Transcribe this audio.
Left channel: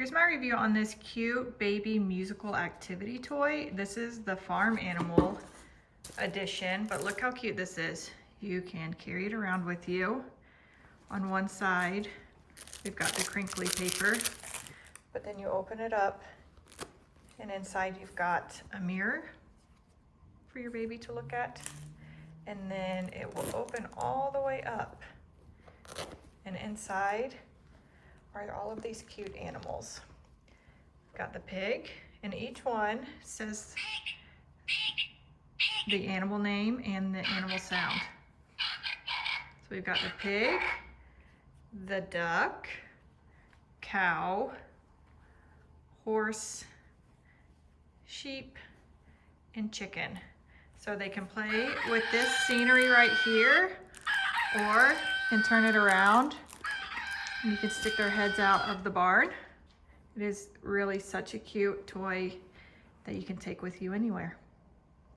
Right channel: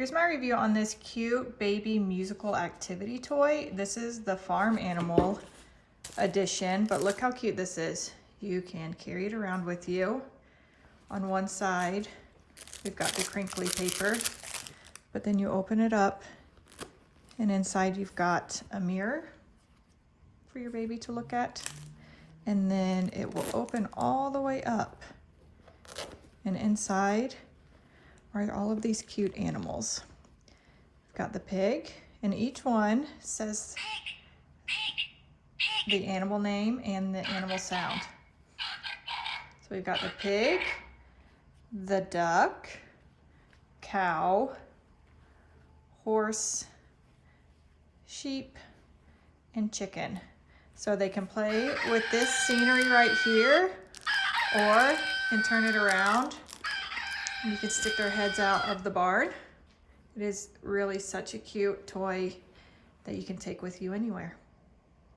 Here's my review on this cute baby musical activity toy. This is the farm animal edition, but look how cute this is. You can carry it around with you. On one side, we've got the crinkly paper, but then you open it up and inside you've got a mirror for your baby to look at. And then it will open all the way up. And inside are all of these cute animals. Got the pig, and each one says the animal name and the animal sound. So we've got the pig, the duck, cow, horse, sheep, and chicken. So they can play with this scenery right here, or can turn it around and you can stick their heads out of the barn. It is really such a cute toy that you can take with you anywhere.